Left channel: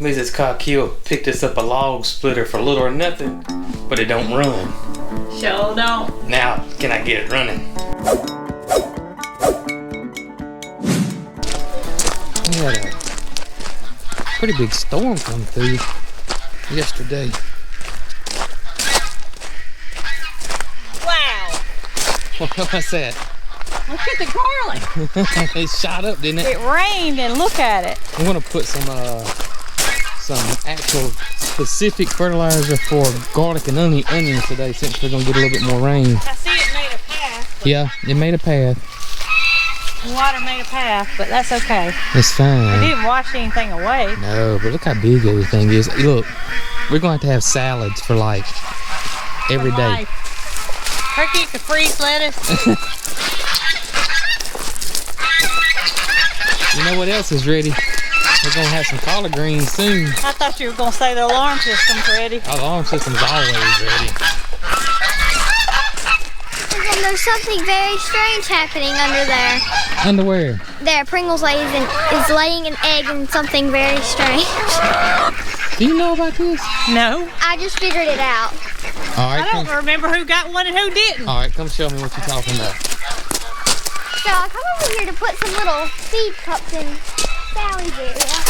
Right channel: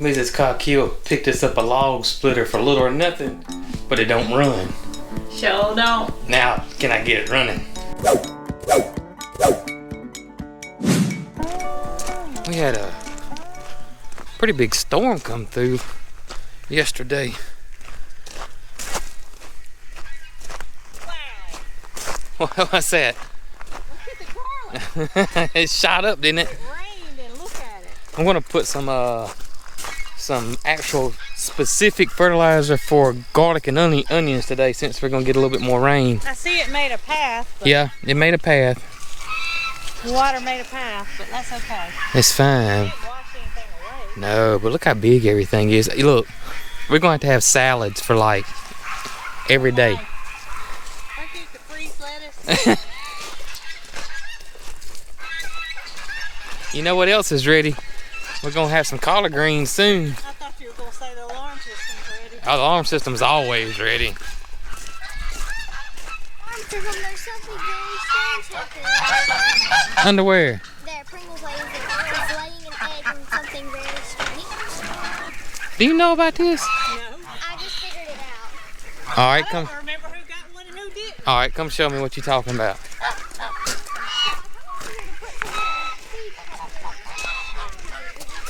Mrs. Cog Hill picked us up a log splitter for little or nothing, but it don't run. Sure don't. Now, can I get it running? We had a pretty big storm come through yesterday. Wow. What's that? Look at the garlic. It shot up, didn't it? It rained, and look at it. I'm gonna put some actual specific fertilizer for garlic and onions today, since we're gonna get a little bit more rain. I see it made a path. Yeah, it made a path. Water made a path, but that's okay. It's fine. It didn't wash anything away. No, but look how big everything is. Look, we're going to have salads for like every day. Turkey can freeze lettuce. You know what else is ready? We're gonna have some collard greens soon. I thought you were gonna say the alarm system's ready. Our alarm system's always ready. There's something very strange happening under there. Underwear. There, Pringles is laying an egg in something very strange. Do you know about this? No. I just figured it out. All right, I don't remember who got one and who didn't. All right, come show me what you're talking about. So I come over here to put some little seed cups in Sally's area.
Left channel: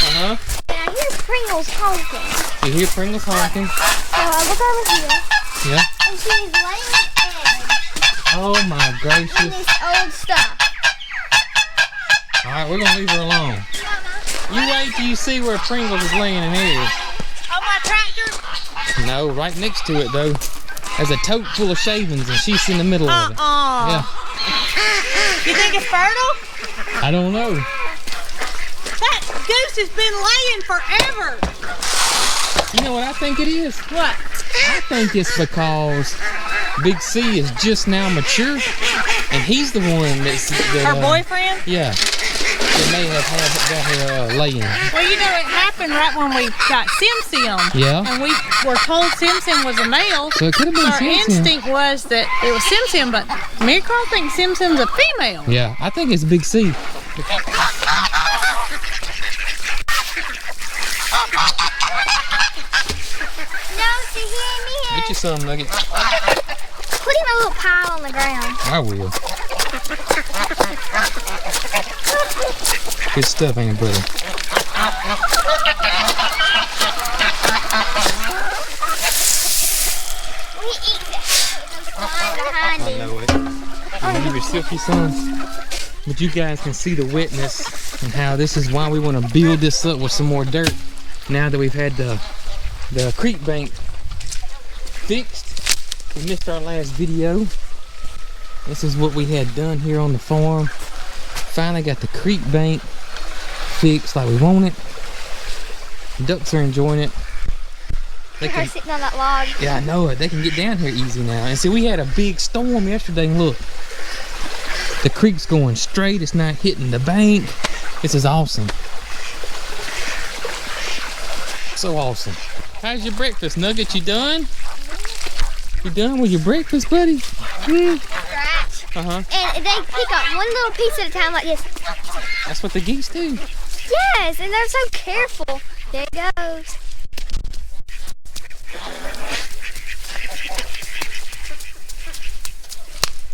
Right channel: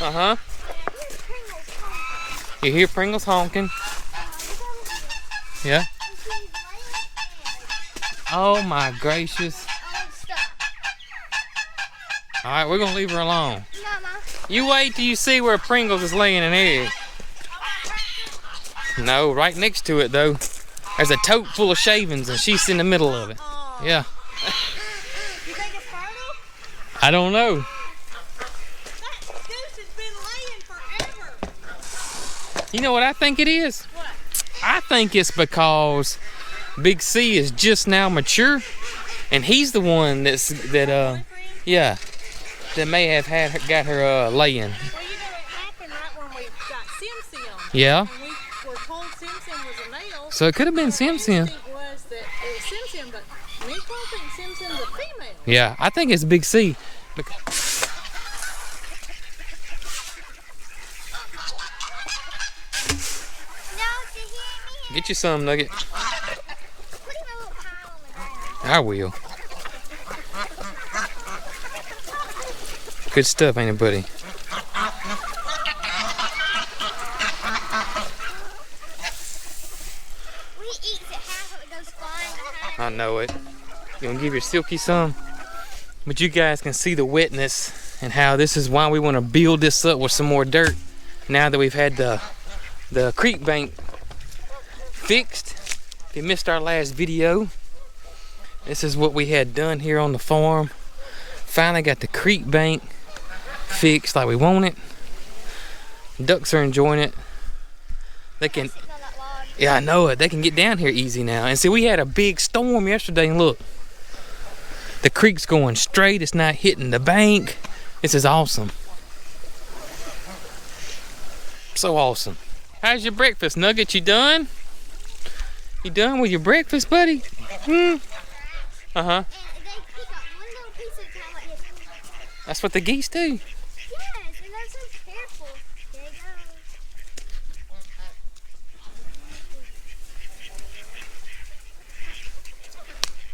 Uh-huh. And I hear Pringles honking. You hear Pringles honking? So I look over here. Yeah. And she's laying an egg. Oh my In gracious. this old stuff. All right, we're gonna leave her alone. Mama. You wait till you see where Pringles is laying an egg. On my tractor? No, right next to it though. There's a tote full of shavings and she's in the middle of it. Yeah. You think it's fertile? I don't know. That goose has been laying forever. You know what I think it is? What? I think it's because Big C is just now mature, and he's the one Her boyfriend? Yeah, that may have got her laying. Well, you know, it happened right when we got Sim Sim. Yeah. And we were told Sim Sim was a male. So it could have been Sim Our Sim. instinct was that it was Sim Sim, but MaryCarl thinks Sim Sim's a female. Yeah, I think it's Big C. No, she hear me. Get you some, Nugget. Put him in a little pile on the ground. I will. Good stuff, ain't it, buddy? We eat that. It goes flying behind I him. know it. You need your silky sons. But you guys can see the wetness and how this is why we want to build this up with some more dirt. Now that we've had the creek bank fixed. We missed our last video. This is what we had done here on the farm. Finally got the creek bank fixed like we want it. Ducks are enjoying it. They Her sitting on that log. Yeah, I know it. They can get down here easy now. And see, we had a big storm yesterday, and look, the creek's going straight. It's not hitting the bank. This is awesome. So awesome. How's your breakfast, Nugget? You done? You done with your breakfast, buddy? Scratch. Uh-huh. And they pick up one little piece at a time like this. That's what the geese do. Yes, and they're so careful. There it goes.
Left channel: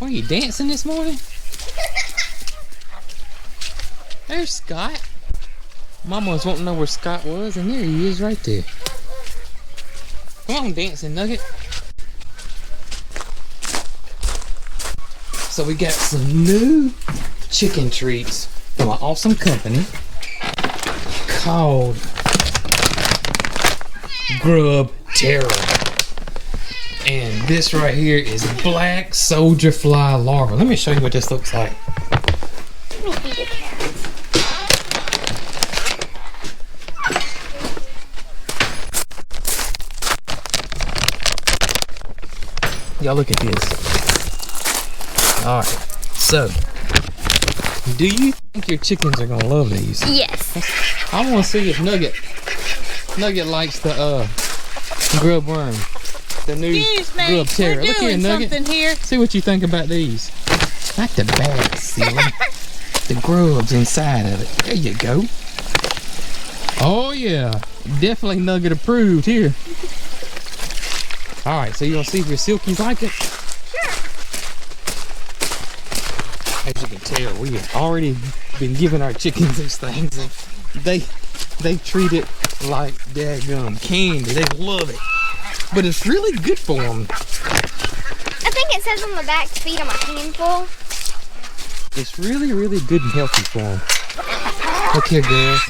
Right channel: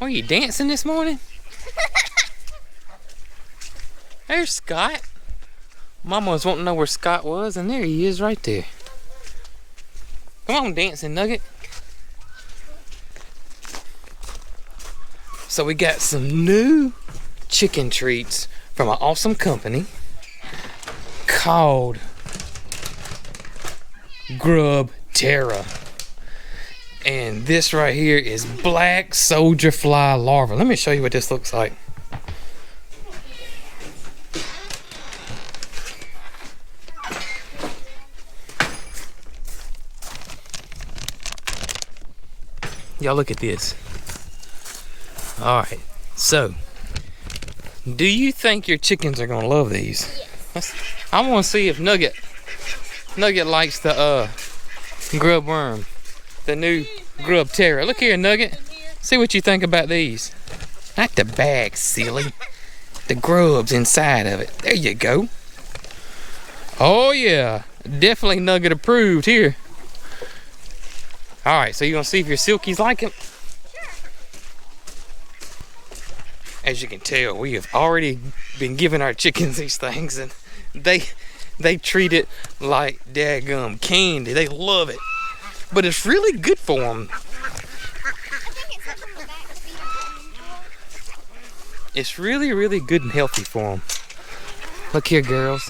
Are you dancing this morning? There's Scott. Mama was wanting to know where Scott was, and there he is right there. Come on, dancing Nugget. So we got some new chicken treats from an awesome company called Grub Terra. And this right here is black soldier fly larva. Let me show you what this looks like. Y'all look at this. All right, so do you think your chickens are gonna love these? Yes. I want to see if Nugget likes the grub worm, the new Grub Terra. Look here, Nugget. Here. See what you think about these. Not the bag, silly. The grubs inside of it. There you go. Oh yeah, definitely Nugget approved here. All right, so you gonna see if your silkies like it? Sure. As you can tell, we have already been giving our chickens these things, and they treat it like daggum candy. They love it, but it's really good for them. I think it says on the back to feed them a handful. It's really, really good and healthy for them. Look here, girls.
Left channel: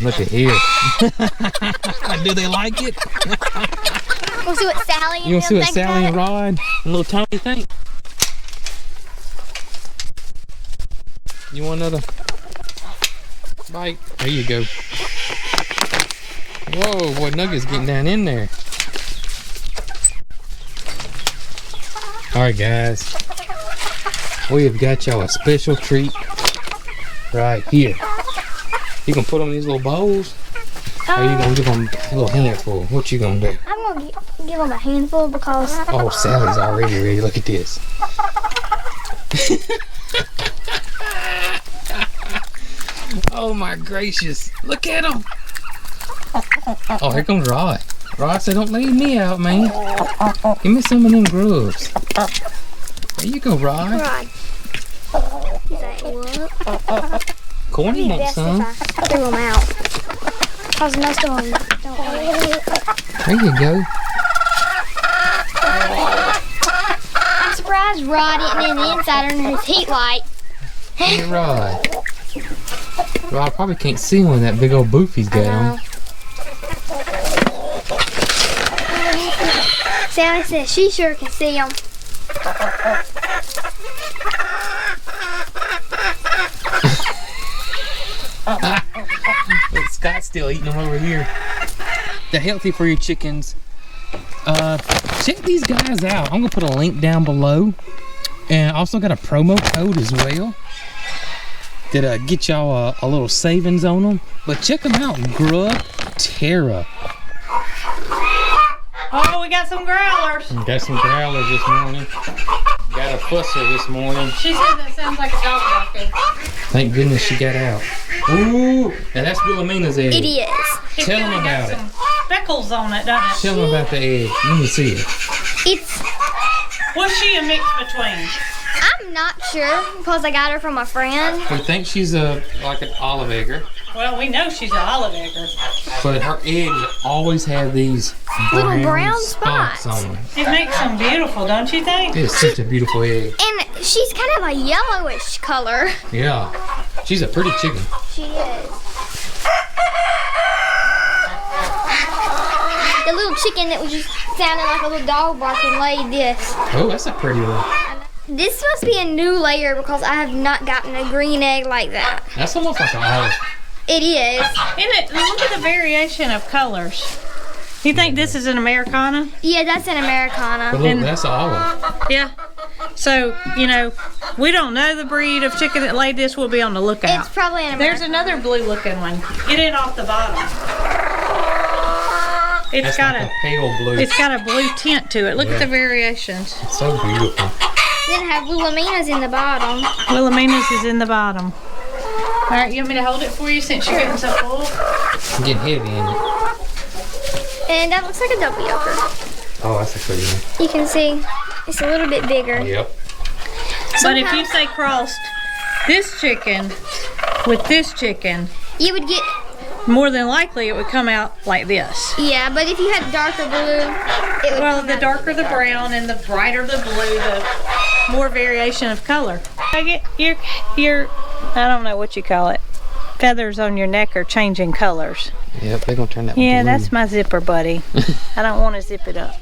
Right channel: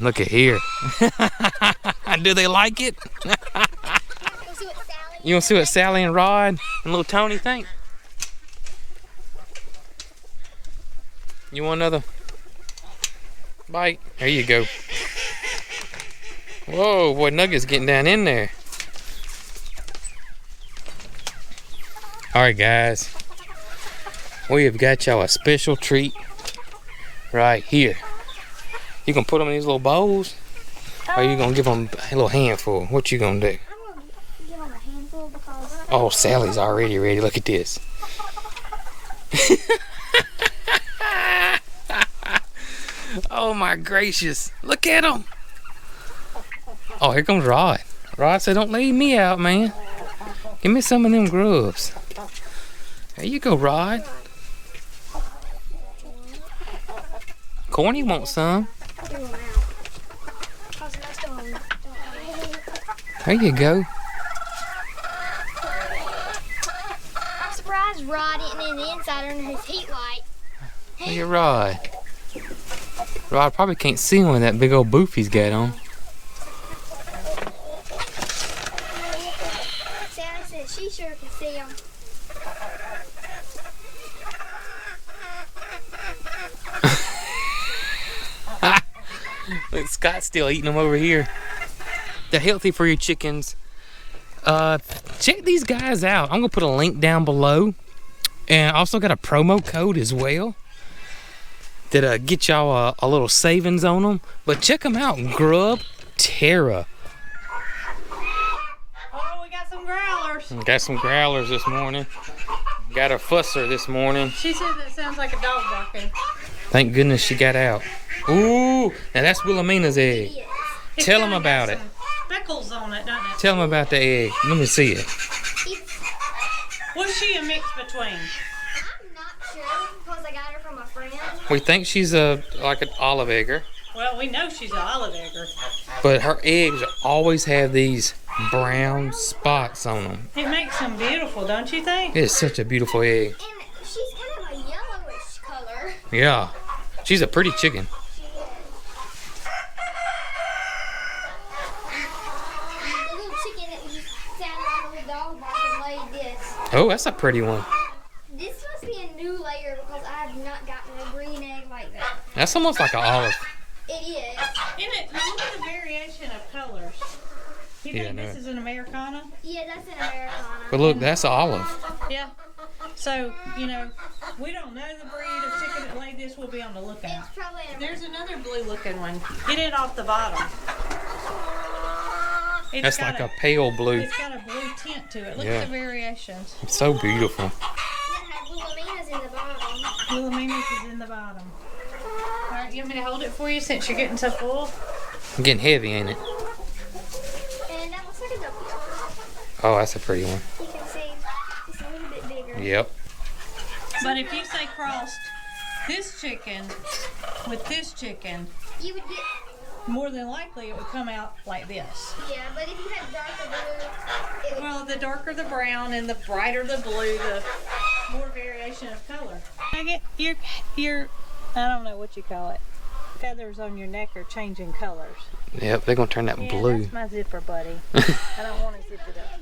Look at here. Do they like it? We'll see what Sally and You want to see what think Sally about and it. Rod and little Tony think? You want another bite? There you go. Whoa, boy, Nugget's getting down in there. All right, guys. We have got y'all a special treat right here. You gonna put them in these little bowls? Or you gonna give them a little handful? What you gonna do? I'm going to give them a handful because Oh, Sally's already ready. Look at this. Oh my gracious. Look at him. Oh, here comes Rod. Rod said, don't leave me out, man. Give me some of them grubs. There you go, Rod. Rod. He's like, what? Corny wants some. I threw them out. Because most of them don't want it. There you go. I'm surprised Rod isn't in the inside under his heat light. Hey, Rod. Rod probably can't see him with that big old booth he's got on. Sally says she sure can see them. Look, Scott's still eating them over here. They're healthy for your chickens. Check these guys out. I'm gonna put a link down below, and I also got a promo code as well that get y'all a little savings on them. But check them out, Grub Terra. Oh, we got some growlers. Got some growlers this morning. Got a fusser this morning. She said that sounds like a dog barking. Thank goodness she got out. Ooh, and that's Wilhelmina's egg. It is. It's Tell kinda them about got it. some speckles on it, doesn't it? Tell them about the egg. Let me see it. It's, What's she a mix between? I'm not sure because I got her from a friend. We think she's like an olive egger, Well, we know she's an olive egger. but her eggs always have these Little brown, brown spots spots. on them. It makes them beautiful, don't you think? It's such a beautiful egg. And she's kind of a yellowish color. Yeah, she's a pretty chicken. She is. The little chicken that was just sounding like a little dog barking laid this. Oh, that's a pretty one. This must be a new layer because I have not gotten a green egg like that. That's almost like an olive. It is. Isn't it? Look at the variation of colors. You think this is an Americana? Yeah, that's an Americana. But look, And- that's an olive. Yeah. So, you know, we don't know the breed of chicken that laid this. We'll be on the lookout. It's probably an There's Americana. another blue looking one. Get it off the bottom. It's That's got like a pale blue. it's got a blue tint to it. Look at Yeah. the variations. It's so beautiful. Then it have Wilhelmina's in the bottom. Wilhelmina's is in the bottom. All right, you want me to hold it for you since you're getting so full? It's getting heavy, ain't it? And that looks like a double yoker. Oh, that's a pretty one. You can see it's a little bit bigger. Yep. But if you say crossed this chicken with this chicken, You would get, more than likely it would come out like this. yeah, but if you had darker blue, it would Well, come the out. darker the brown and the brighter the blue, the more variation of color. I get your I don't know what you call it. Feathers on your neck are changing colors. Yep, they're gonna turn that Yeah, blue. that's my zipper, buddy. I don't want to zip it up.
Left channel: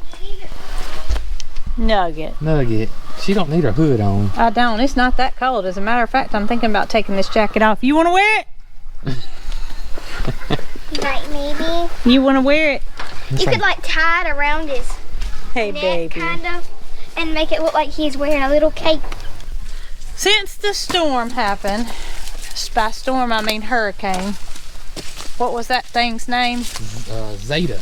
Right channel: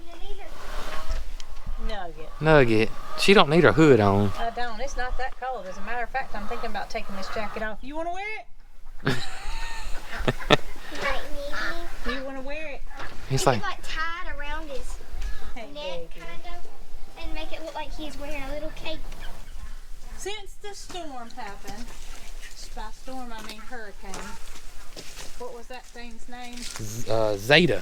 Nugget. Nugget. She don't need her hood on. I don't. It's not that cold. As a matter of fact, I'm thinking about taking this jacket off. You want to wear it? Like maybe. You want to wear it? It's You like, could like tie it around his Hey, neck, baby. kind of, and make it look like he's wearing a little cape. Since the storm happened, by storm I mean hurricane. What was that thing's name? Zeta.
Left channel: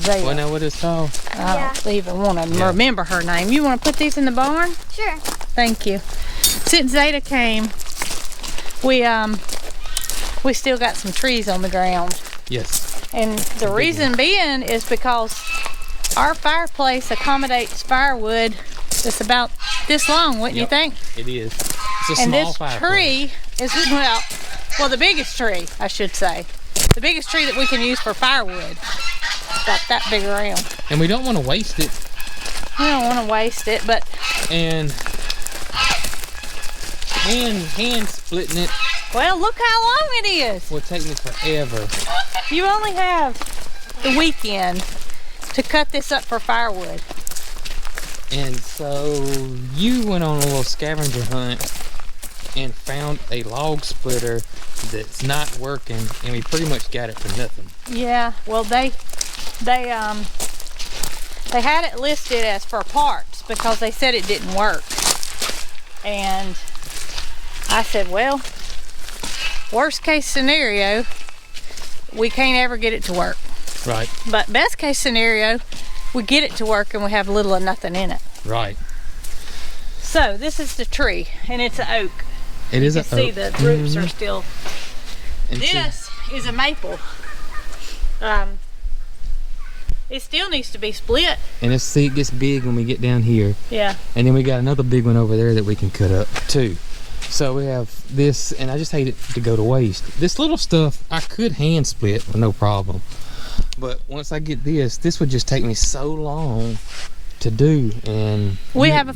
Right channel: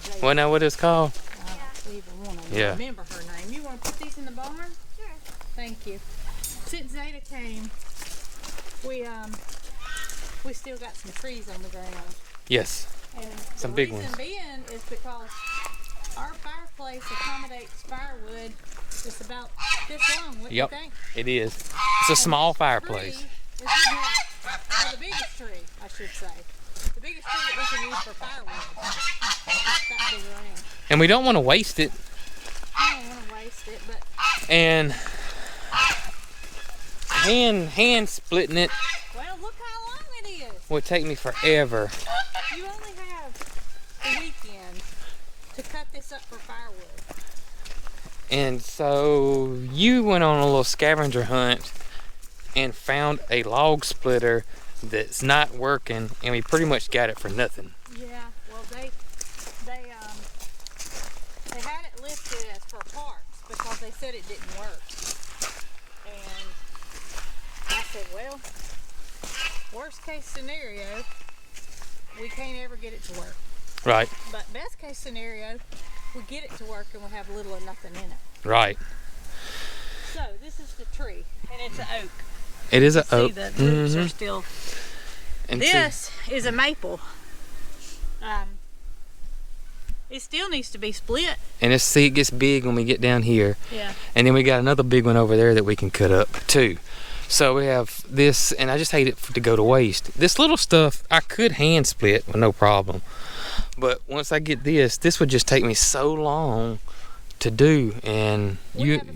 Zeta. Wanna know what it's called? I don't even want to Yeah. remember her name. You want to put these in the barn? Sure. Thank you. Since Zeta came, we still got some trees on the ground. Yes. And the reason being is because our fireplace accommodates firewood that's about this long, wouldn't you think? It is. It's a small fireplace. And this tree is, well, the biggest tree, I should say. The biggest tree that we can use for firewood. It's about that big around. And we don't want to waste it. We don't want to waste it, but... And hand splitting it well, look how long it is. would take me forever. You only have the weekend to cut this up for firewood. And so you went on a little scavenger hunt and found a log splitter that's not working, and we pretty much got it for nothing. Yeah, well they had it listed as for parts because they said it didn't work. And I said, well, worst case scenario, we can't ever get it to work. Right. But best case scenario, we get it to work and we have little or nothing in it. Right. So this is the tree, and it's an oak. It is You an can see oak. the roots are still. And This is a maple. It still needs to be split. And it gets big when we get down here. Yeah. And then we got another big one over there that we can cut up too. So we have this, and I just hate it to go to waste. This little stuff I could hand split with no problem. But once I get this would just take me so long to do. And We have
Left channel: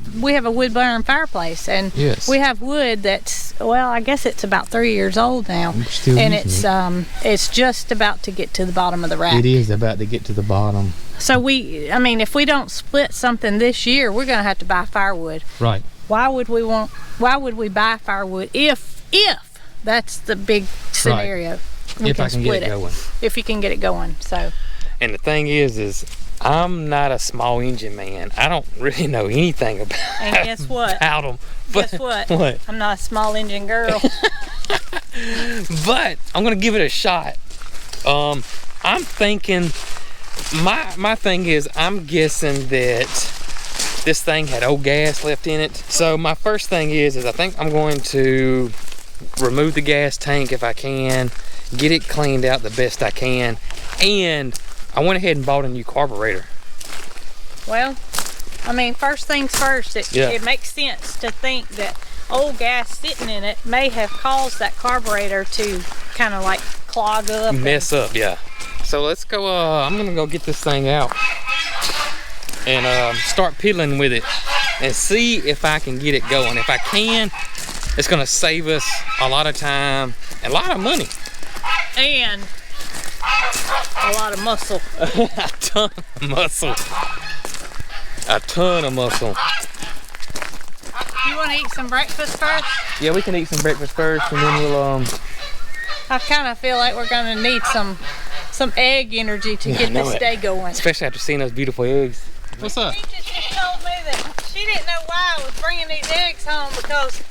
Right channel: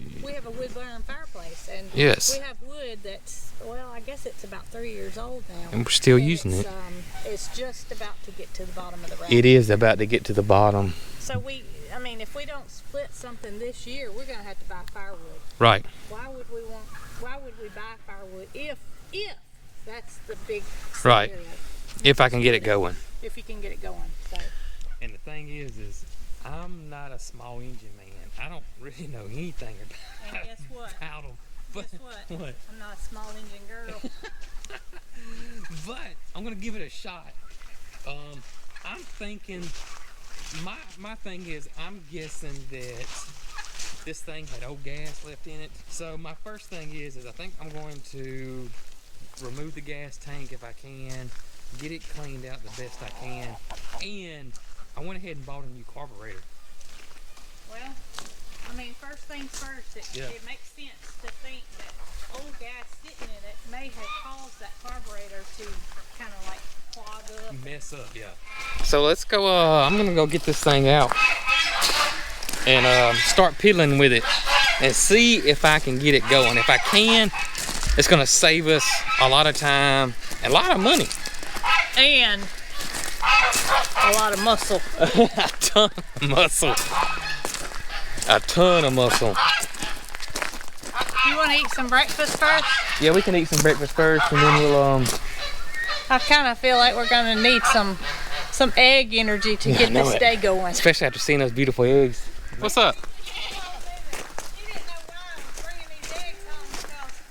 a wood burning fireplace, and yes, we have wood that's, well, I guess it's about 3 years old now. we're still And using it's just about to get to the bottom of the rack. it. It is about to get to the bottom. So if we don't split something this year, we're gonna have to buy firewood. Right. Why would we buy firewood if that's the big scenario? We If I can get split it going. If you can get it going, so. And the thing is I'm not a small engine man. I don't really know anything about And guess what? about them. Guess what? What? I'm not a small engine girl. But I'm gonna give it a shot. I'm thinking, my thing is, I'm guessing that this thing had old gas left in it. So my first thing is I think I'm going to remove the gas tank if I can, get it cleaned out the best I can, and I went ahead and bought a new carburetor. Well, first things first, it makes sense to think that old gas sitting in it may have caused that carburetor to kind of like clog up. Mess up, yeah. So let's go, I'm gonna go get this thing out and start piddling with it and see if I can get it going. If I can, it's gonna save us a lot of time and a lot of money. And a lot of muscle. A ton of muscle. A ton of muscle. You want to eat some breakfast first? Yeah, we can eat some breakfast first, and then we'll I kind of feel like we're gonna need some egg energy to get this day going. especially after seeing those beautiful eggs. What's up? She told me that she didn't know why I was bringing these eggs home because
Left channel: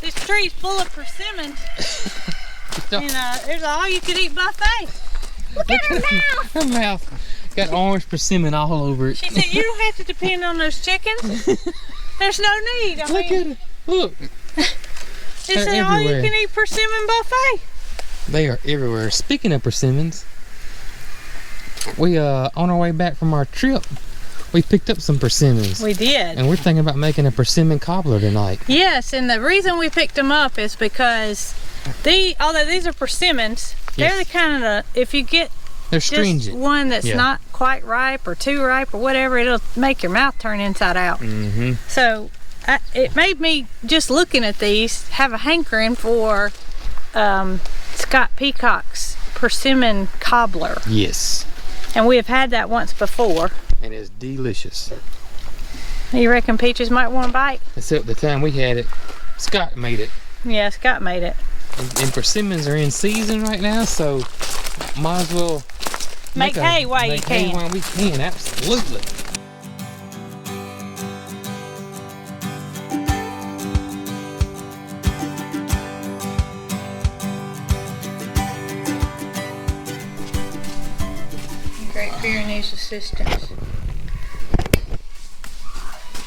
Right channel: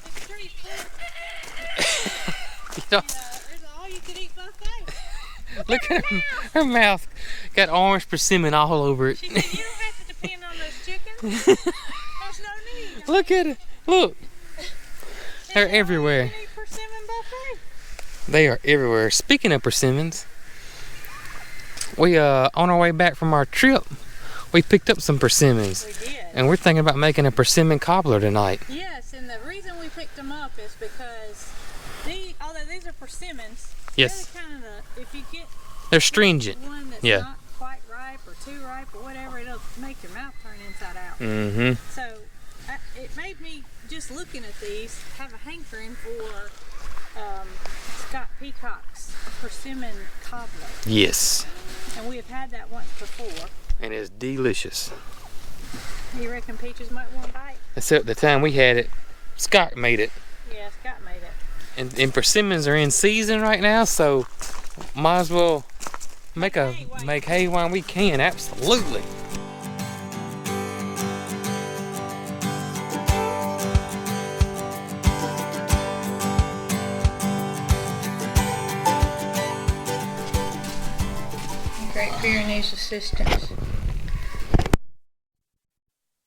this tree's full of persimmons. And there's an all-you-can-eat buffet. Look at her mouth. Got orange persimmon all over it. She said, you don't have to depend on those chickens. There's no need. Look at it. Look. It's They're an everywhere. all-you-can-eat persimmon buffet. They are everywhere. Speaking of persimmons, we on our way back from our trip, we picked up some persimmons. We did. And we're thinking about making a persimmon cobbler tonight. Yes, and the reason we picked them up is because although these are persimmons, Yes. they're the kind of, if you get They're just stringent. one that's Yeah. not quite ripe or too ripe or whatever, it'll make your mouth turn inside out. Mm-hmm. So it made me, just looking at these, have a hankering for Scott Peacock's persimmon cobbler. Yes. And we have had that once before. And it's delicious. You reckon Peaches might want a bite? Except the time we had it, Scott made it. Yeah, Scott made it. And persimmons are in season right now, so might as well Make hay while you can. while we can, absolutely. Great Pyrenees assistance.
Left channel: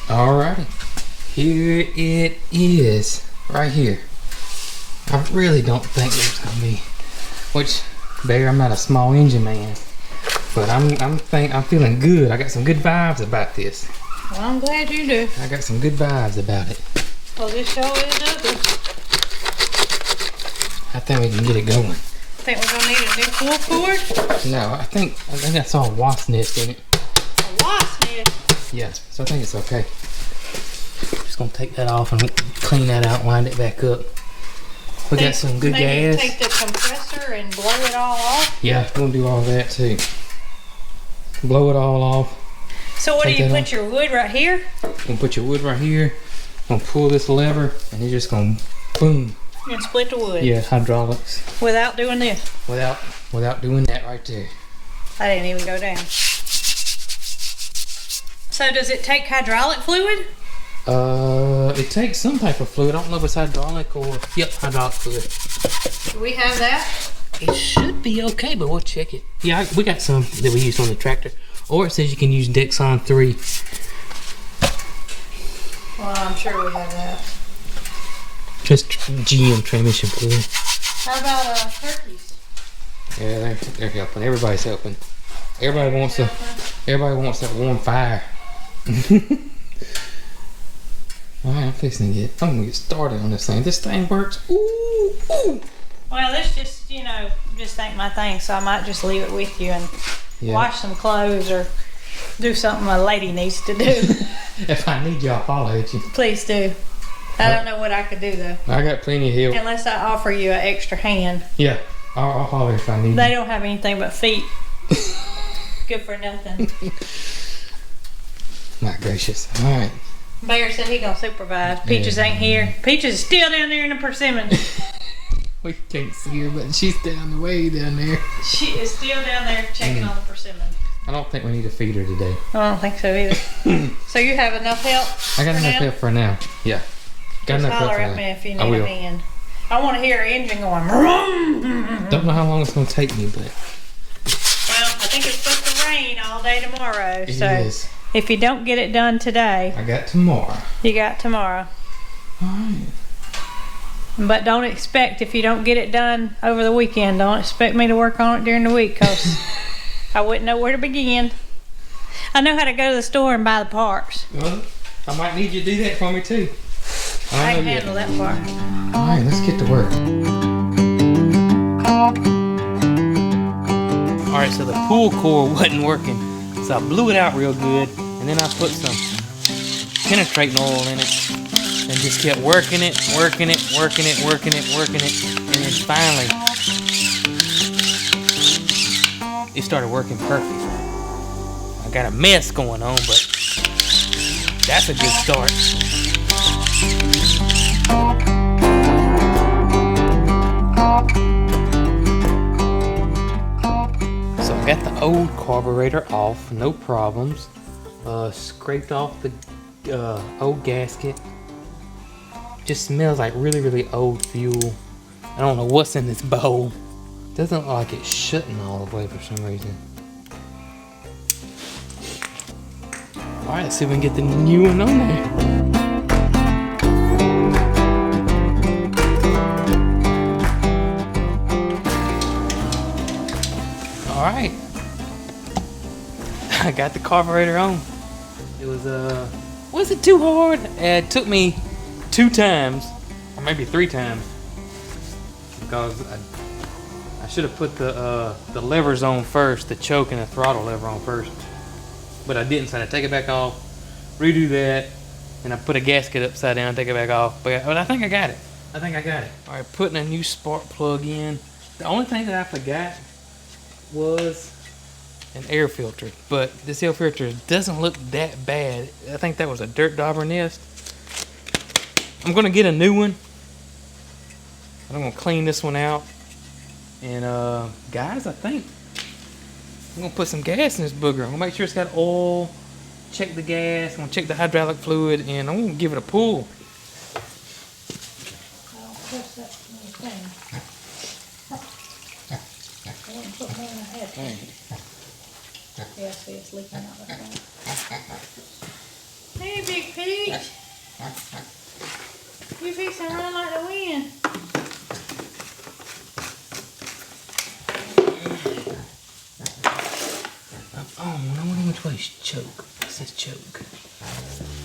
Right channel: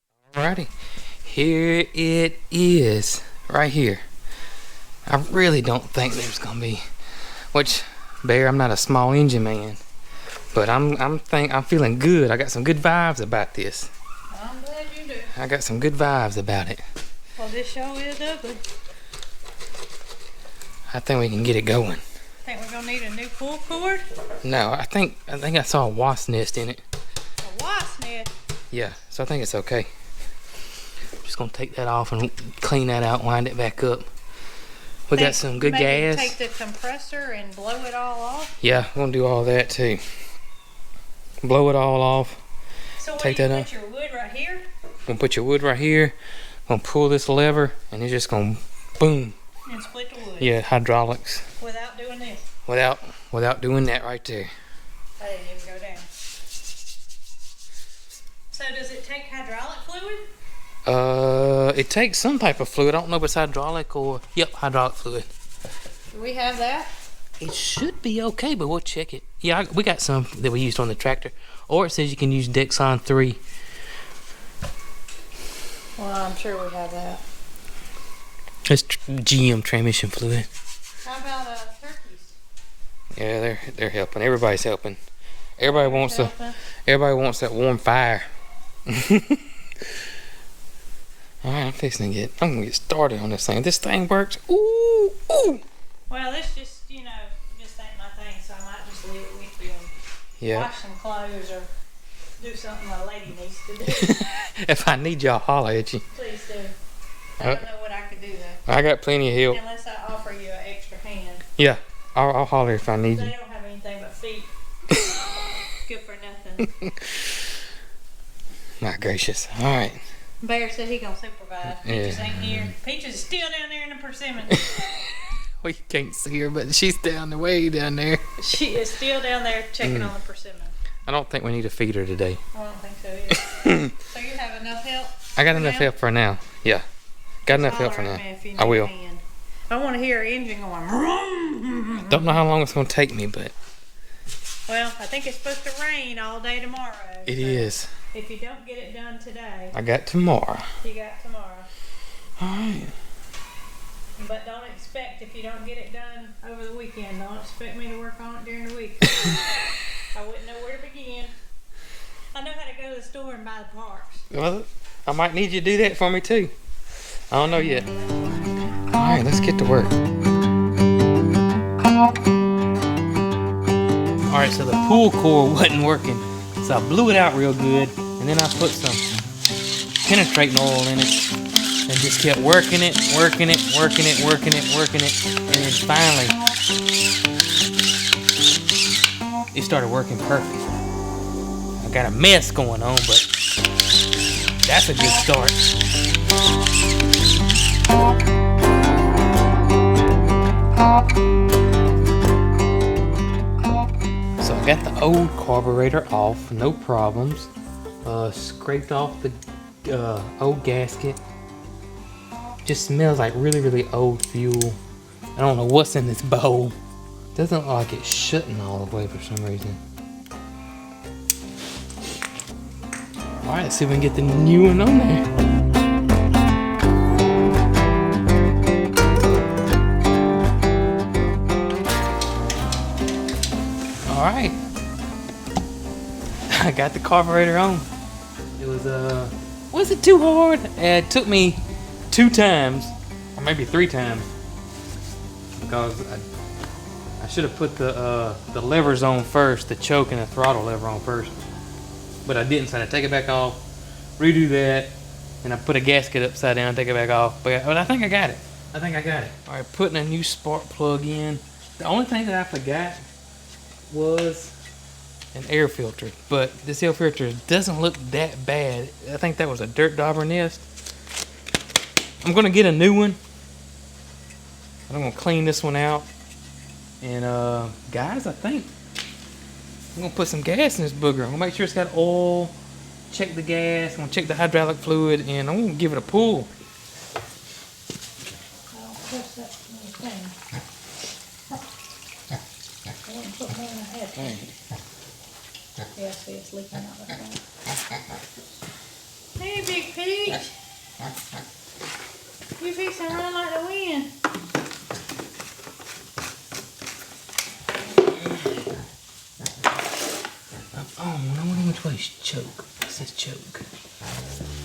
Alrighty, here it is, right here. I really don't think there's gonna be, which, Bear, I'm not a small engine man, but I'm feeling good. I got some good vibes about this. Well, I'm glad you do. I got some good vibes about it. Well, this show is ugly. I think we can get it going. Think we're gonna need a new pull cord? No, I think I saw a wasp nest in it. A wasp nest? Yeah, so I think it's okay. Just gonna take that off and clean that out, wind it back up. We got some good gas. Take the compressor and blow it all off? Yeah, we're gonna do all that too. Blow it all off. So what do you put your wood right here? Gonna put your wood right here. Gonna pull this lever and it's just gonna boom. And split the wood? Yeah, hydraulics. Without doing this? Without doing that right there. I didn't even go down. So does it take hydraulic fluid? It takes some type of fluid. I don't know if it's hydraulic or, yep, hydraulic fluid. Do we have that? It should be okay, but we'll check it. Yeah, we got some that we used on the tractor. Or it says you can use Dexon 3. Well, I'm sure we have that. Just GM transmission fluid. How about turkeys? Yeah, they're helping. Everybody's helping. Everybody wants that warm fire. Alright, I'm gonna get started on this thing. If this thing works, ooh. Well, this just, just ain't my thing, so I might just leave it with you and wash some clothes or do something a lady needs to do. If I need you, I'll holler at you. Please do. I don't know what I could do though. I got plenty of help. Unless I offer you an extra hand. Yeah, I'll holler if I need They you. don't have anything but feet. Good for nothing. My gracious. Alright. Bear said he gonna supervise. Peaches ain't here. Peaches is still down there in the persimmon. We can't see her, but she's down the way down there. She is still down there checking on the persimmon. I don't think we need to feed her today. I don't think so either. So you have enough help? I got enough help for now. Yeah. Got enough help for Holler now. at me if you need I will. a hand. I want to hear her engine going. Vroom. Don't know how long it's going to take me, but Well, I think it's supposed to rain all day tomorrow. it so is. If you don't get it done today, I got tomorrow. you got tomorrow. Alright. But don't expect, if you don't get it done over the weekend, don't expect me to work on it during the week, because I wouldn't know where to begin. I know how to go to the store and buy the parts. Well, I might need you to do that for me too. I don't know yet. handle that part. Alright, let's get to work. Alright, so the pull cord wasn't working. So I blew it out real good, and then I put some penetrating oil in it, and just kept working it, and then finally it started working perfect. I got a mess going on, but that's a good start. So I got the old carburetor off, no problems. Scraped off the old gasket. Just smells like really old fuel. I don't know what's in this bowl. Doesn't look like it's shutting all the way for some reason. Alright, let's see if we can get the new one on there. Alright. I got the carburetor on. It was it too hard? It took me 2 times, or maybe 3 times, because I should have put the levers on first, the choke and the throttle lever on first, but I didn't. So I had to take it back off, redo that, and I put a gasket upside down, take it back off. But I think I got it. All right, putting a new spark plug in. The only thing that I forgot was an air filter, but this air filter doesn't look that bad. I think that was a dirt dauber nest. I'm gonna get a new one. I'm gonna clean this one out. And guys, I think I'm gonna put some gas in this booger. I'm gonna make sure it's got oil, check the gas, I'm gonna check the hydraulic fluid, and I'm gonna give it a pull. I'll push that thing. I wouldn't put more than I had to. Alright. Yeah, see, it's leaking out the front. Hey, Big Peach. You fixing to run like the wind. push, choke. It says choke.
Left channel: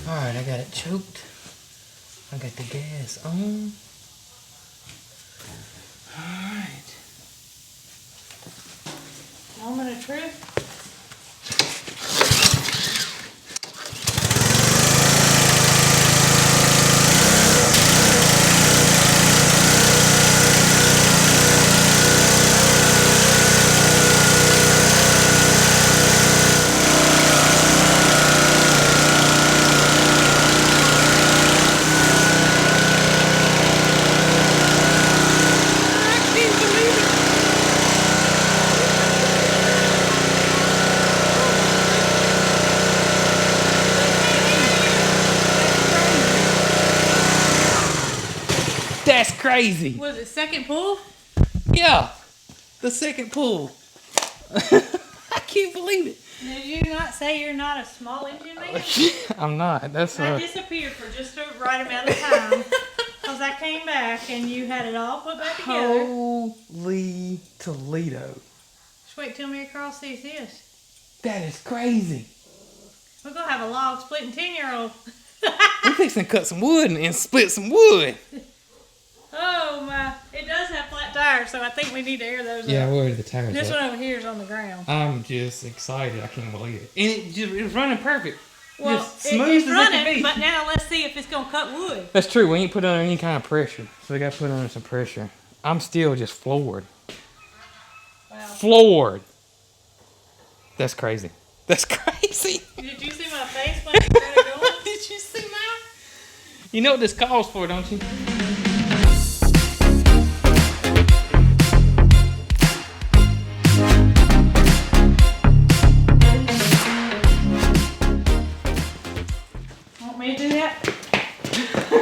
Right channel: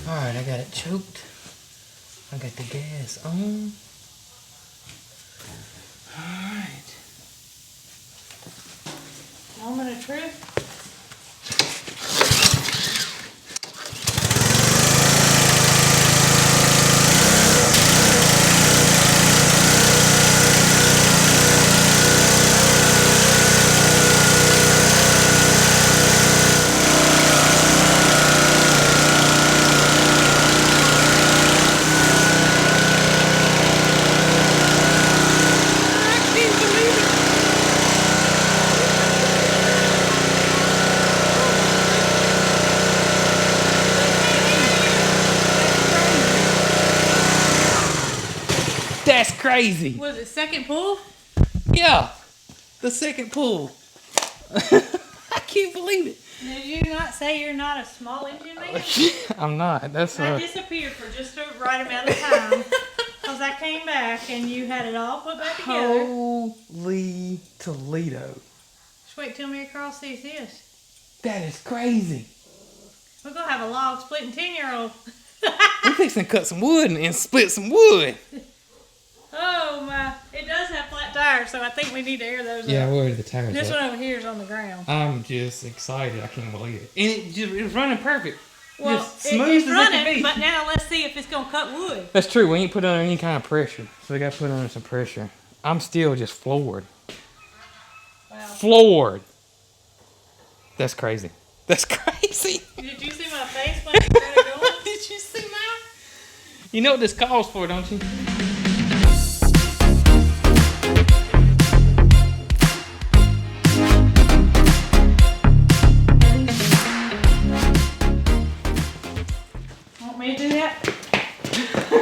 Alright, I got it choked. I got the gas on. Alright. Moment of truth. That's crazy. Was it second pull? Yeah, the second pull. I can't believe it. Did you not say you're not a small engine man? I'm not. That's I disappeared for just the right amount of time because I came back and you had it all put back together. Holy Toledo. Just wait till MaryCarl sees this. That is crazy. We're gonna have a log splitting 10-year-old. We're fixing to cut some wood and split some wood. Oh my! It does have flat tires, so I think we need to air those Yeah, up. where are the tires This at? one over here is on the ground. I'm just excited. I can't believe it. And it's running perfect. Well, just smooth it's as it can running, be. but now let's see if it's gonna cut wood. That's true. We ain't put under any kind of pressure, so we got to put under some pressure. I'm still just floored. Wow. Floored. That's crazy. That's crazy. Did you see my face when I started going? Did you see mine? You know what this calls for, don't you? Want me to do that?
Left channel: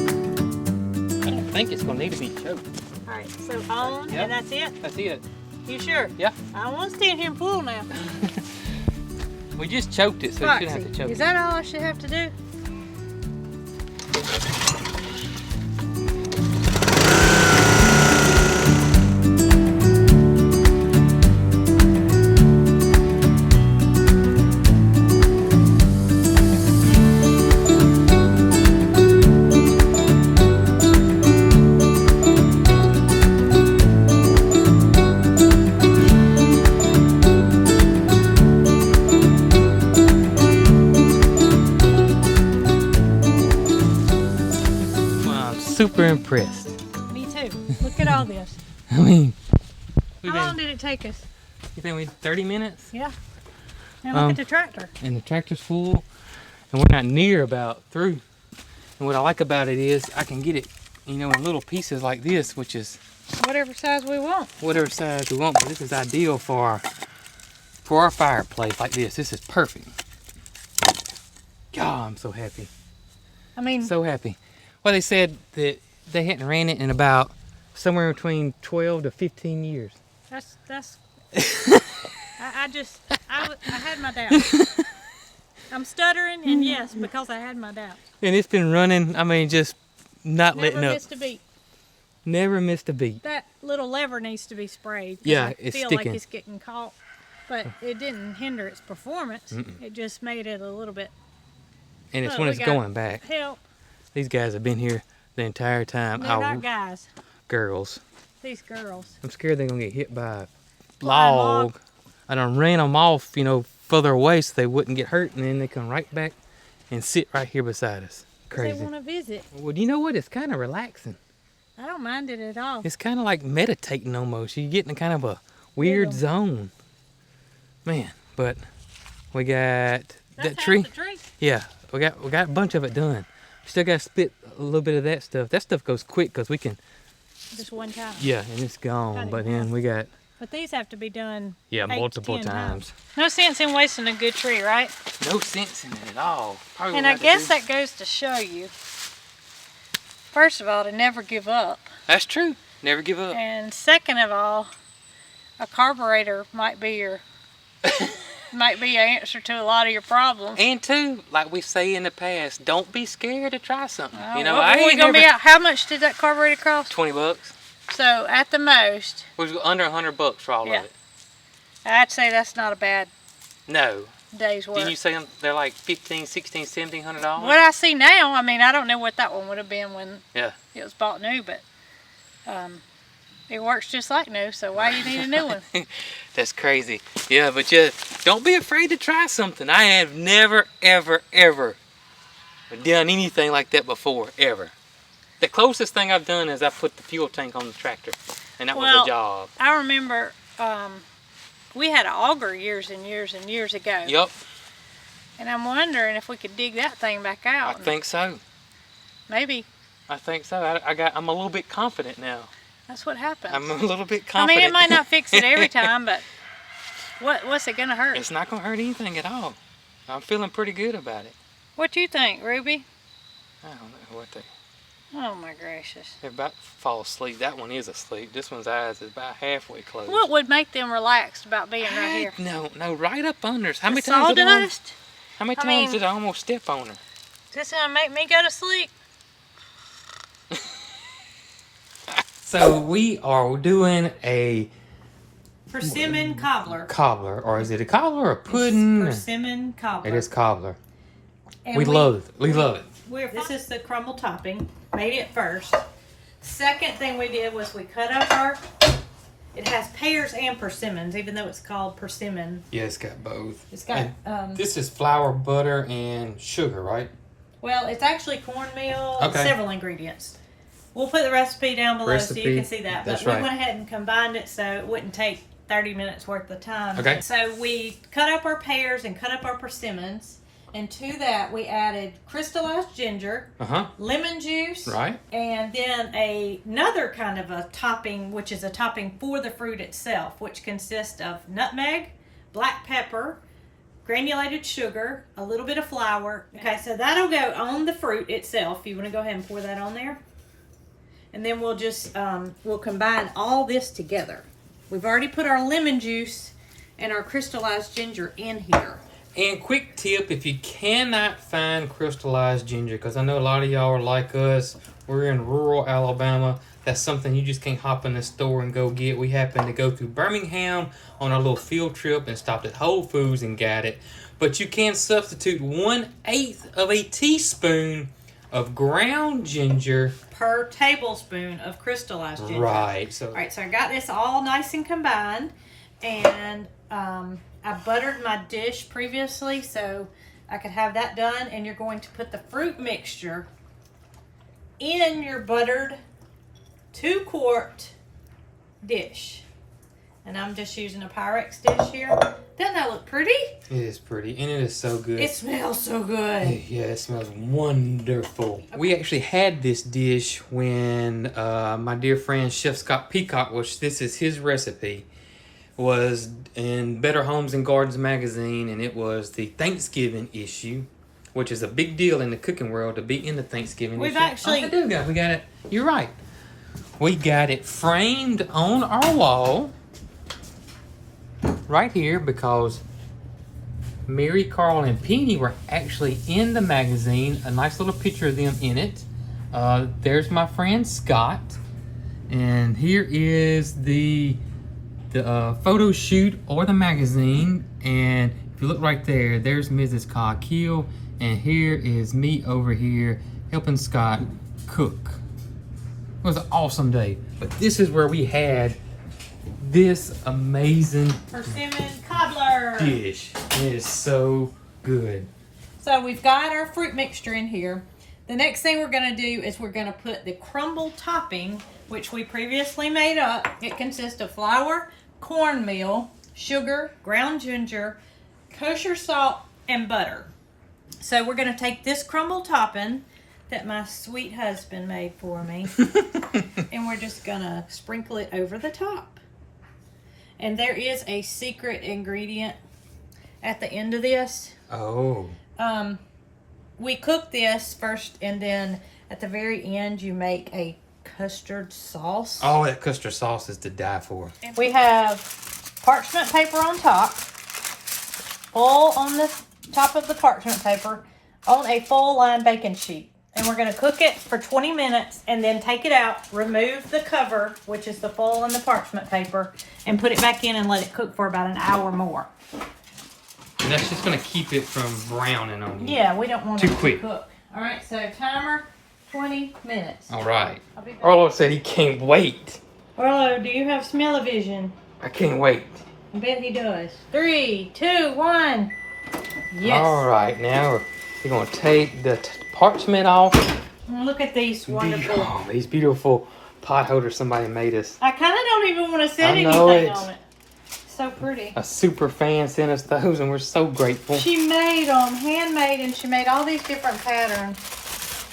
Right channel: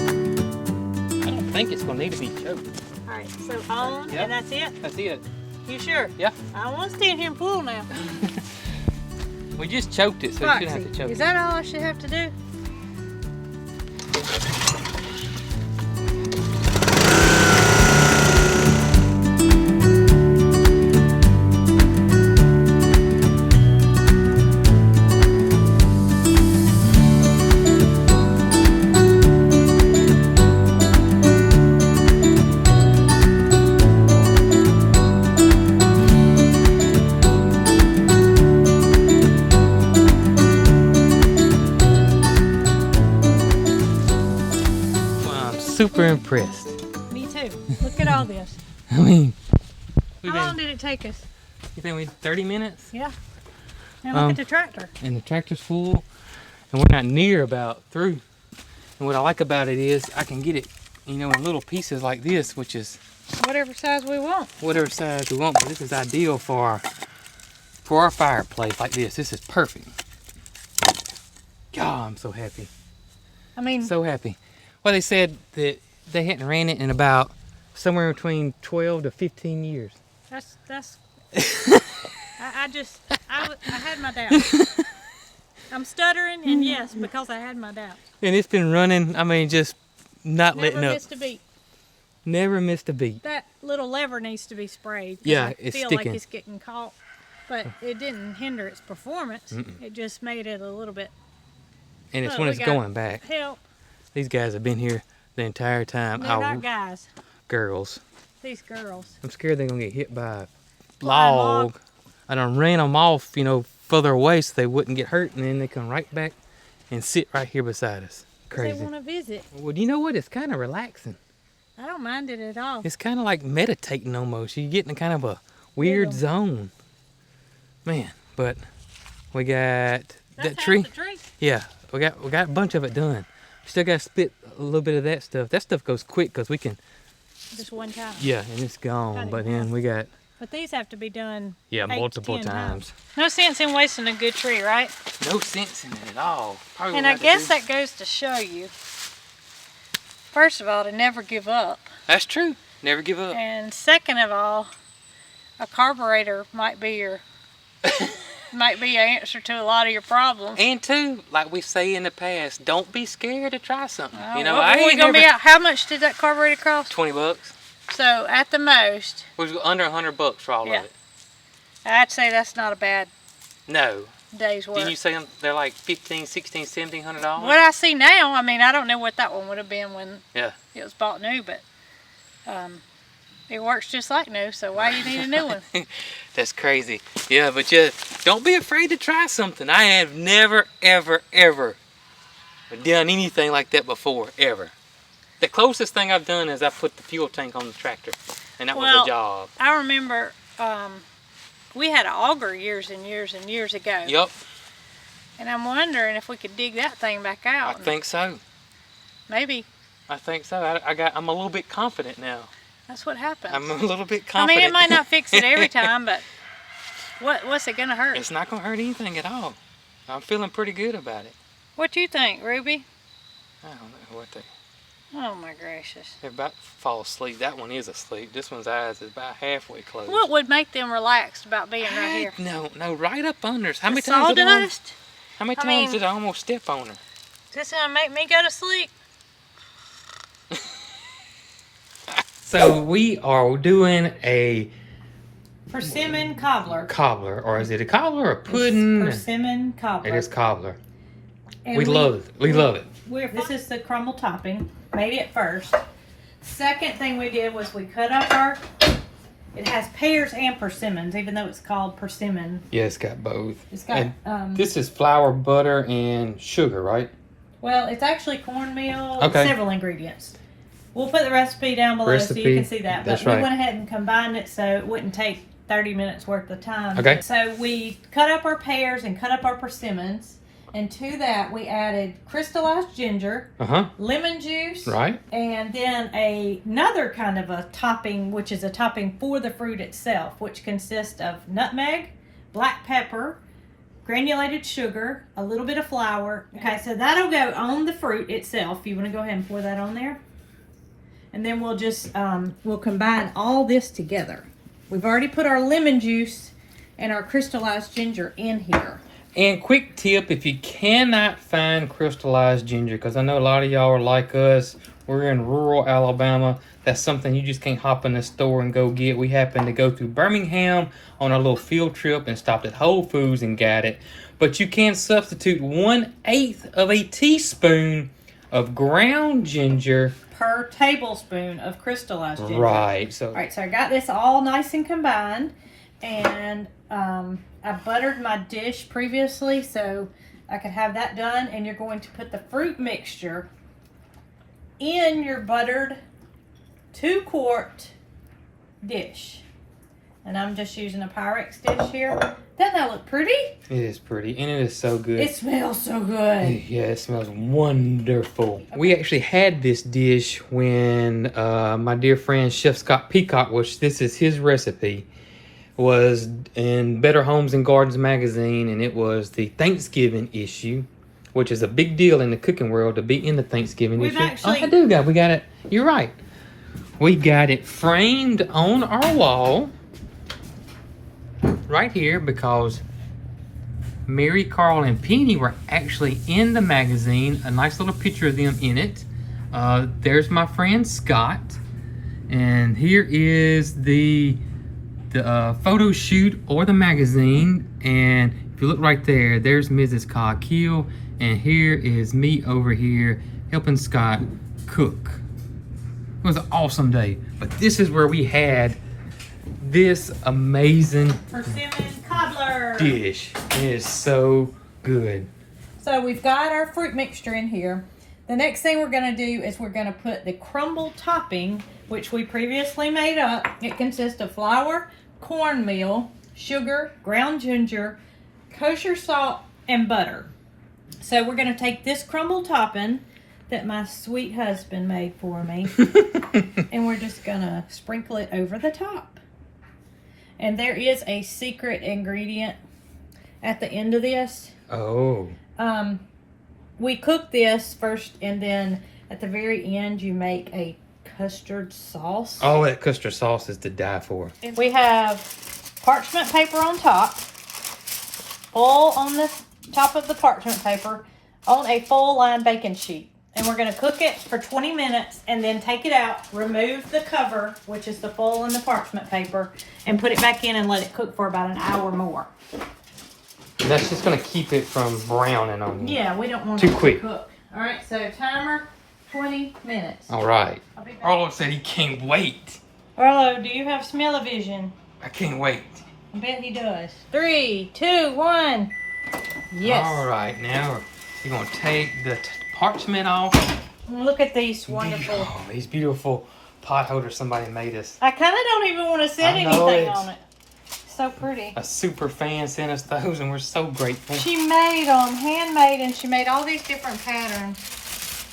I don't think it's gonna need to be choked. Alright, so on, Yep. and that's it? That's it. You sure? Yeah. I don't want to stand here and pull now. We just choked it, so you shouldn't have to Foxy, choke is it. that all I should have to do? Super impressed. Me too. Look at all this. I mean, we've How long been, did it take us? you think we 30 minutes? Yeah. Now look at the tractor. And the tractor's full, and we're not near about through. And what I like about it is I can get it, you know, in little pieces like this, which is Whatever size we want. whatever size we want. But this is ideal for our fireplace like this. This is perfect. God, I'm so happy. I mean, So happy. Well, they said that they hadn't ran it in about somewhere between 12 to 15 years. that's. I had my doubts. I'm stuttering, and yes, because I had my doubts. And it's been running, I mean, just not Never letting up. missed a beat. Never missed a beat. That little lever needs to be sprayed. 'Cause Yeah, I it's feel sticking. like it's getting caught, but it didn't hinder its performance. It just made it a little bit And it's Look, when we it's got going back. help. These guys have been here the entire time. They're not guys. Girls. These girls. I'm scared they're going to get hit by a Flying log. I done ran them off, you know, further away so they wouldn't get hurt. And then they come right back and sit right here beside us. They Crazy. want to visit. Well, you know what? It's kind of relaxing. I don't mind it at all. It's kind of like meditating almost. You get in kind of a weird Rhythm. zone. Man, but we got That's that tree. half the tree. Yeah, we got a bunch of it done. Still got to split a little bit of that stuff. That stuff goes quick because we can, Just one time. yeah, and it's Cut gone. it But in then half. we got, But these have to be done yeah, 8 to multiple 10 times. No sense in wasting a good tree, right? No sense in it at all. Probably And what I have to guess do- that goes to show you, first of all, to never give up. That's true. Never give up. And second of all, a carburetor might be your might be an answer to a lot of your problems. And two, like we say in the past, don't be scared to try something. You know, what I were we ain't gonna never... be out? How much did that carburetor cost? $20. So at the most, We was under $100 for all Yeah. of it. I'd say that's not a bad No. day's work. Didn't you say they're like $1,500, $1,600, $1,700? What I see now, I mean, I don't know what that one would have been when Yeah. it was bought new, but it works just like new, so why you need a new one? That's crazy. Yeah, but don't be afraid to try something. I have never, ever, ever done anything like that before, ever. The closest thing I've done is I put the fuel tank on the tractor, and that was a job. I remember we had an auger years and years and years ago. Yup. And I'm wondering if we could dig that thing back out. I think so. Maybe. I think so. I'm a little bit confident now. That's what happens. I'm a little bit I confident. mean, it might not fix it every time, but what's it gonna hurt? It's not gonna hurt anything at all. I'm feeling pretty good about it. What do you think, Ruby? I don't know what they... Oh my gracious. They're about to fall asleep. That one is asleep. This one's eyes is about halfway closed. What would make them relaxed about being right here? No, right up under us. How many Sawdust? times did I almost step on her? This gonna make me go to sleep. So we are doing a Persimmon cobbler. cobbler, or is it a cobbler or a pudding? Persimmon cobbler. It is cobbler. And We love it. We love it. This is the crumble topping. Made it first. Second thing we did was we cut up it has pears and persimmons, even though it's called persimmon. Yeah, it's got both. It's got, this is flour, butter, and sugar, right? well, it's actually cornmeal, Okay. several ingredients. We'll put the recipe down below so you can see that. That's But we right. went ahead and combined it so it wouldn't take 30 minutes worth of time. Okay. So we cut up our pears and cut up our persimmons. And to that, we added crystallized ginger, lemon juice, Right. and then another kind of a topping, which is a topping for the fruit itself, which consists of nutmeg, black pepper, granulated sugar, a little bit of flour. Okay, so that'll go on the fruit itself. You want to go ahead and pour that on there? And then we'll just, we'll combine all this together. We've already put our lemon juice and our crystallized ginger in here. And quick tip, if you cannot find crystallized ginger, because I know a lot of y'all are like us, we're in rural Alabama, that's something you just can't hop in the store and go get. We happened to go through Birmingham on our little field trip and stopped at Whole Foods and got it. But you can substitute 1/8 of a teaspoon of ground ginger Per tablespoon of crystallized ginger. Right. So, All right, so I got this all nice and combined, and I buttered my dish previously so I could have that done. And you're going to put the fruit mixture in your buttered 2-quart dish. And I'm just using a Pyrex dish here. Doesn't that look pretty? it is pretty, and it is so good. It smells so good. Yeah, it smells wonderful. We actually had this dish when my dear friend Chef Scott Peacock, which this is his recipe, was in Better Homes and Gardens magazine, and it was the Thanksgiving issue, which is a big deal in the cooking world to be in the Thanksgiving issue. We got it. You're right. We got it framed on our wall right here because MaryCarl and Penny were actually in the magazine. A nice little picture of them in it. There's my friend Scott, and here is the photo shoot or the magazine. And if you look right there, there's Mrs. Cog Hill, and here is me over here helping Scott cook. It was an awesome day, but this is where we had this amazing Persimmon cobbler dish. It is so good. So we've got our fruit mixture in here. The next thing we're going to do is we're going to put the crumble topping, which we previously made up. It consists of flour, cornmeal, sugar, ground ginger, kosher salt, and butter. So we're going to take this crumble topping that my sweet husband made for me, and we're just going to sprinkle it over the top. And there is a secret ingredient at the end of this. Oh. We cook this first, and then at the very end, you make a custard sauce. Oh, that custard sauce is to die for. We have parchment paper on top. full on the top of the parchment paper on a full line baking sheet. And we're going to cook it for 20 minutes and then take it out, remove the cover, which is the foil and the parchment paper, and put it back in and let it cook for about an hour more. And that's just going to keep it from browning on you. Yeah, we don't want Too it quick. to cook. All right, so timer, 20 minutes. All right. Arlo said he can't wait. Arlo, do you have smell-o-vision? I can't wait. I bet he does. 3, 2, 1. Yes. All right, now we're going to take the parchment off. Look at these wonderful. Oh, these beautiful pot holders somebody made us. I kind of don't even want to set I know anything it. on it. So pretty. A super fan sent us those, and we're so grateful. She made them handmade, and she made all these different patterns.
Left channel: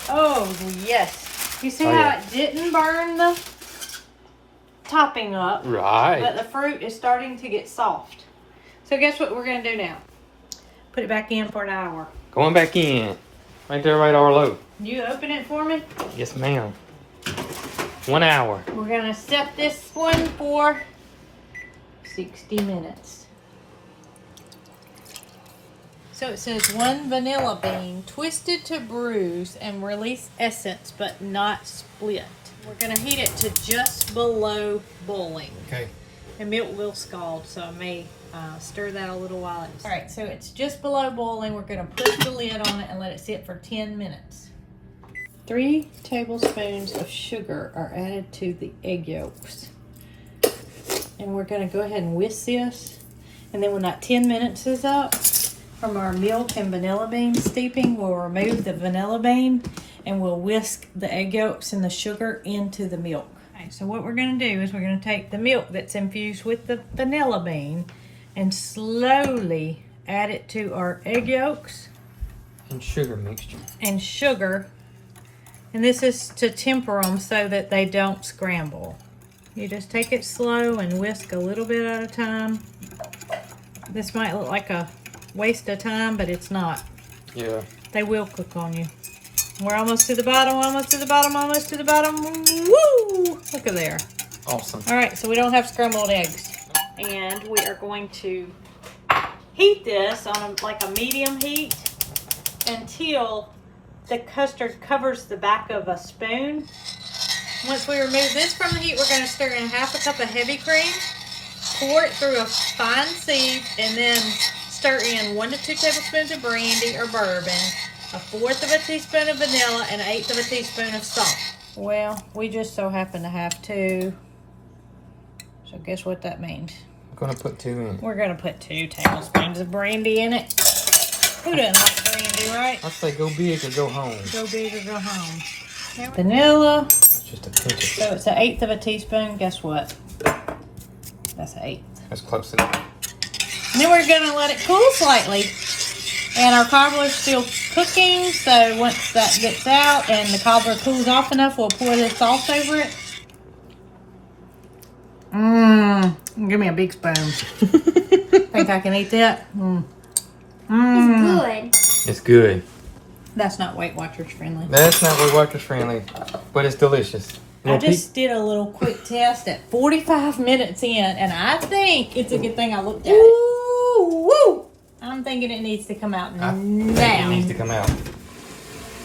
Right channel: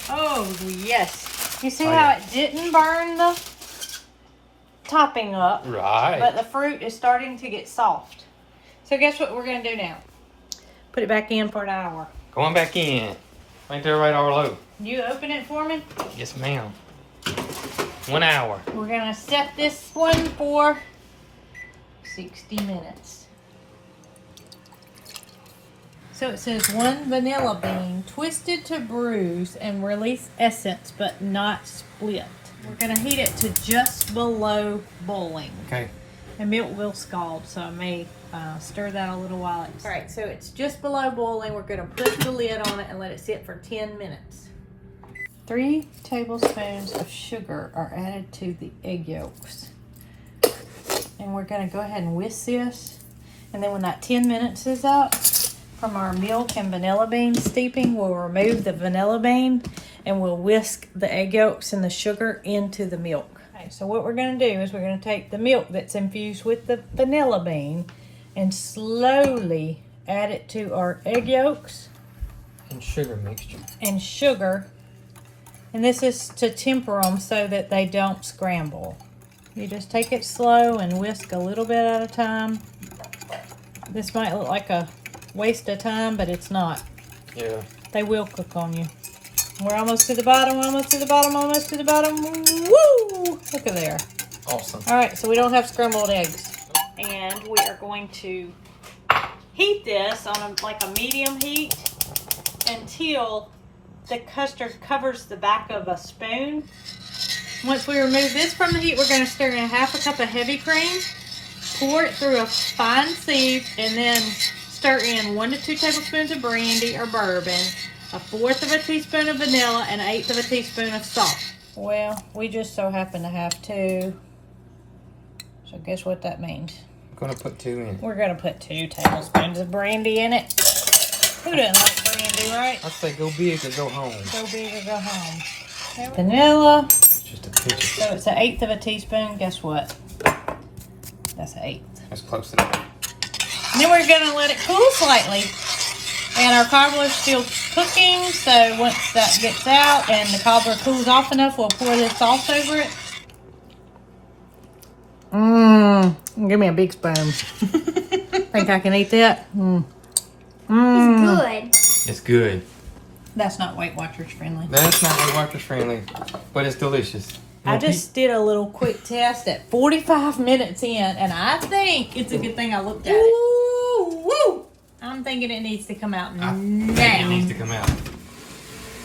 Oh yes. You see how it didn't burn the topping up, Right. but the fruit is starting to get soft. So guess what we're going to do now? Put it back in for an hour. Going back in. Right there, right, Arlo. You open it for me? Yes, ma'am. 1 hour. We're going to set this one for 60 minutes. So it says 1 vanilla bean twisted to bruise and release essence but not split. We're going to heat it to just below boiling. Okay. The milk will scald, so I may stir that a little while. All right, so it's just below boiling. We're going to put the lid on it and let it sit for 10 minutes. 3 tablespoons of sugar are added to the egg yolks. And we're going to go ahead and whisk this. And then when that 10 minutes is up from our milk and vanilla bean steeping, we'll remove the vanilla bean and we'll whisk the egg yolks and the sugar into the milk. Okay, so what we're going to do is we're going to take the milk that's infused with the vanilla bean and slowly add it to our egg yolks And sugar mixture. and sugar. And this is to temper them so that they don't scramble. You just take it slow and whisk a little bit at a time. This might look like a waste of time, but it's not. Yeah. They will cook on you. We're almost to the bottom, almost to the bottom, almost to the bottom. Woo! Look at there. Awesome. All right, so we don't have scrambled eggs. And we are going to heat this on like a medium heat until the custard covers the back of a spoon. Once we remove this from the heat, we're going to stir in 1/2 cup of heavy cream, pour it through a fine sieve, and then stir in 1 to 2 tablespoons of brandy or bourbon, 1/4 teaspoon of vanilla, and 1/8 teaspoon of salt. Well, we just so happen to have 2. So guess what that means? I'm going to put 2 in. We're going to put 2 tablespoons of brandy in it. Who doesn't like brandy, right? Let's say go big or go home. Go big or go home. Vanilla. It's just a pinch of So it's 1/8 teaspoon. Guess what? That's 1/8. That's close to that. And then we're going to let it cool slightly. And our cobbler is still cooking. So once that gets out and the cobbler cools off enough, we'll pour this sauce over it. Give me a big spoon. Think I can eat that? It's good. It's good. That's not Weight Watchers friendly. That's not Weight Watchers friendly, but it's delicious. I just did a little quick test at 45 minutes in, and I think it's a good thing I looked at it. Woo! I'm thinking it needs to come out I now. think it needs to come out.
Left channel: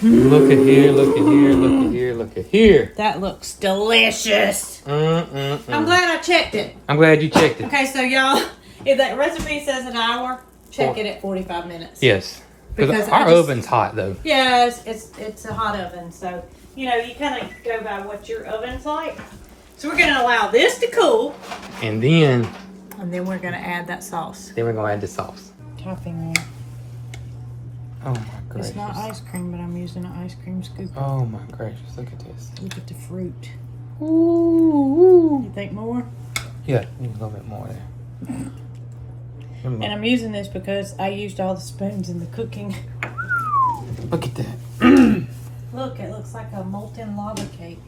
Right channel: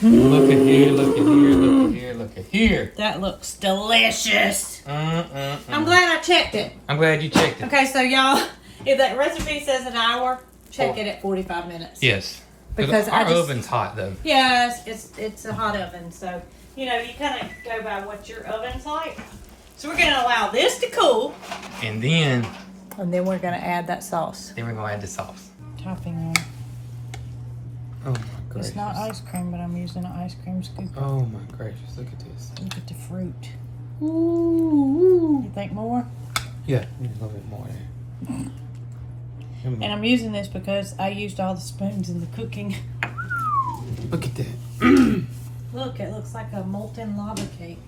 Look at here, look at here, look at here, look at here. That looks delicious. I'm glad I checked it. I'm glad you checked it. Okay, so y'all, if that recipe says an hour, check it at 45 minutes. Yes. Because our oven's hot though. Yeah, it's a hot oven, so you know you kind of go by what your oven's like. So we're gonna allow this to cool, And then we're gonna add that sauce. we're gonna add the sauce. Topping there. Oh my gracious. It's not ice cream, but I'm using an ice cream scoop. Oh my gracious, look at this. Look at the fruit. Ooh. You think more? Yeah, a little bit more there. And I'm using this because I used all the spoons in the cooking. Look at that. Look, it looks like a molten lava cake.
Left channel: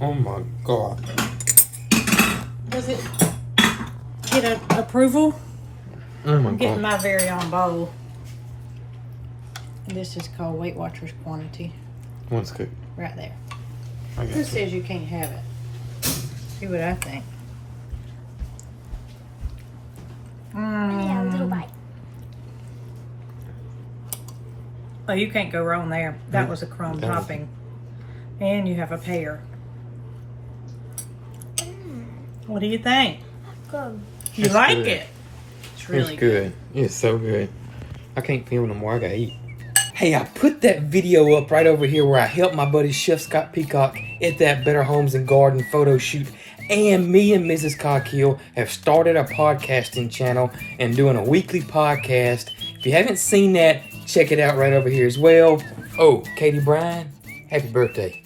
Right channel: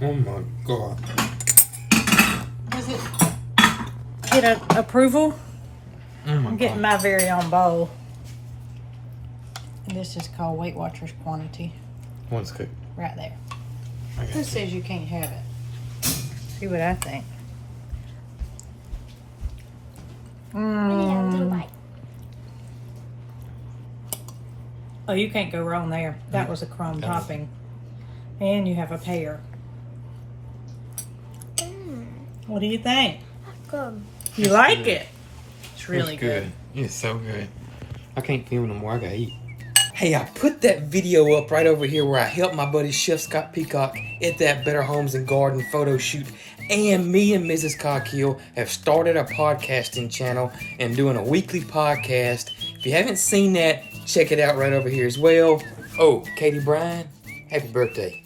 Oh my god. Does it get approval? Oh my I'm getting god. my very own bowl. This is called Weight Watchers quantity. That's good. Right there. I Who got says you can't have it? See what I think. Oh, you can't go wrong there. That was a crumb topping. And you have a pear. What do you think? Good. You like good. it? It's really It's good. It's so good. I can't film no more. I gotta eat. Hey, I put that video up right over here where I helped my buddy Chef Scott Peacock at that Better Homes and Garden photo shoot. And me and Mrs. Cog Hill have started a podcasting channel and doing a weekly podcast. If you haven't seen that, check it out right over here as well. Oh, Katie Bryan, happy birthday.